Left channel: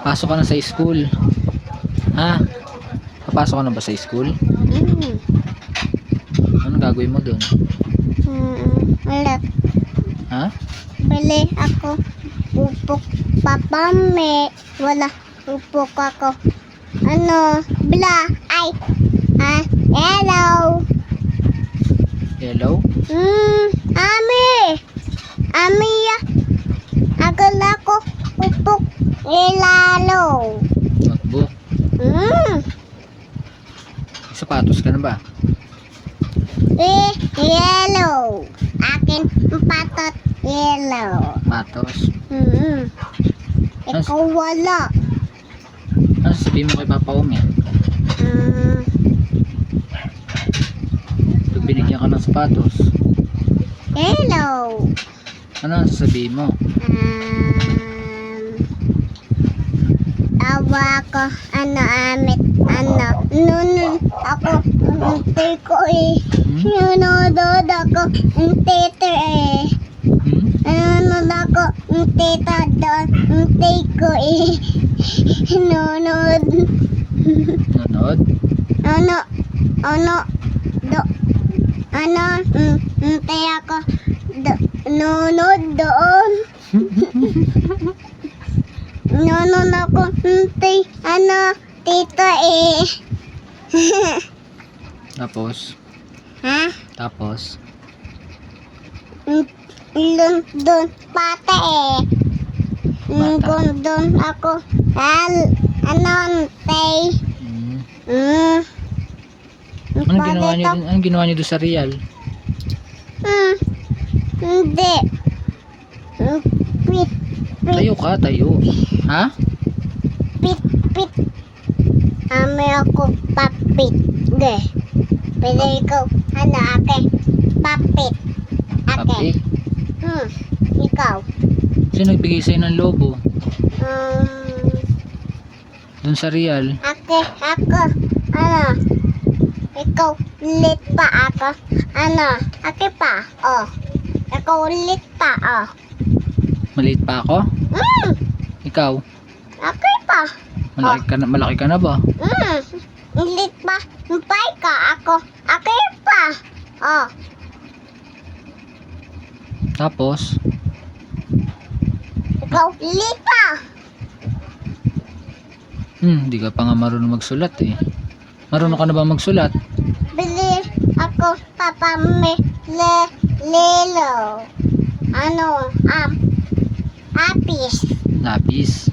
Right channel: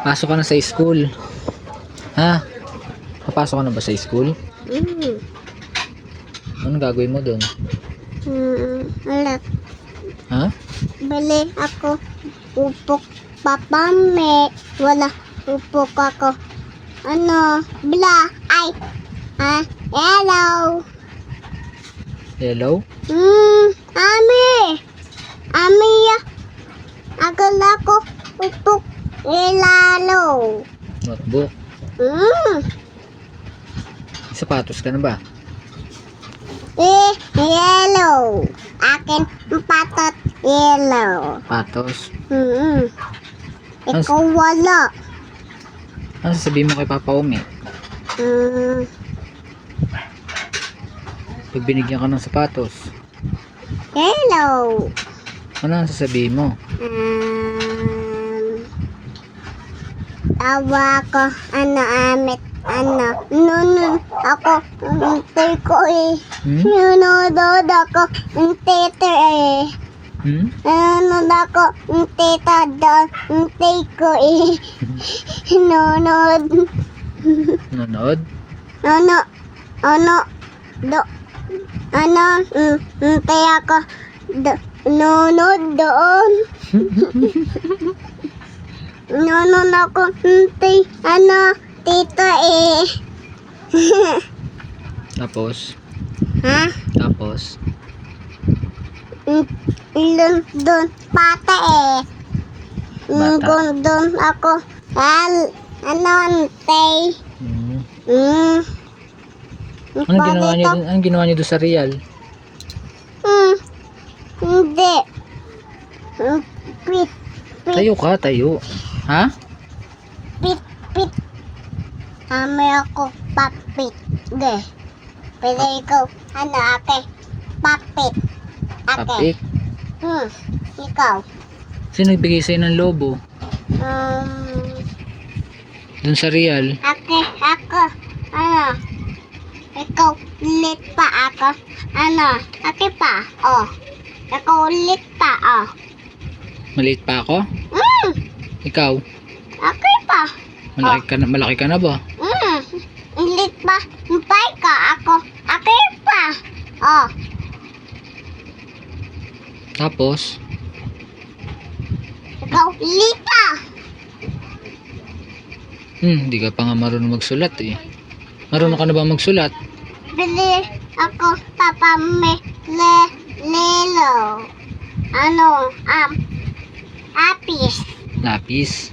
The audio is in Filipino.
Pasok ka na sa school. Ha? Papasok ka na ba sa school? Ano gagawin mo doon? Alat. Ha? Bali ako. Upok. Papa, may wala. Upok ako. Ano? Bla. Ay. Hello. Hello? Ami. Ami. Agala ko. Upok. Ilalo. Notebook. Sapatos ka na ba? Yellow. Akin patot yellow. Patos. Ikaw wala. Ano sasabihin mo kay Papa Umi? Pag binigyan ka ng sapatos, Yellow. ano ang sasabihin mo? Tawa ko. Amit. Nun ako. Untay ko Nunodod ako. Untete Nunod ako. Unteta doon. Untay ko Nunod. Nanood? Untay ako. Nunod doon. Nunod ako. Untay. Tita Tapos? Ha? Tapos? Doon pata Bata. Doon ako. Antay. Anong ginawa niyo dun? Anong ginawa niyo doon sa Real? Hindi. Pit. Tayo ka, tayo. Ha? Pit. May ako papit. Pwede ikaw. Ate? Papit. Ate. Papik? Ikaw. Sino nagbigay sa'yo ng lobo? Doon sa Real? Ako. Ikaw ulit pa ako. Ako pa. Ikaw ulit pa. Maliit pa ako? Ikaw? Ako pa. Malaki ka na ba? Ulit pa. Mpay ka ako. Ako pa. Tapos? Ikaw ulit pa. Hindi ka pa nga marunong magsulat eh. Marunong ka na ba magsulat? Bili ako papa me lelo. Apis. Lapis?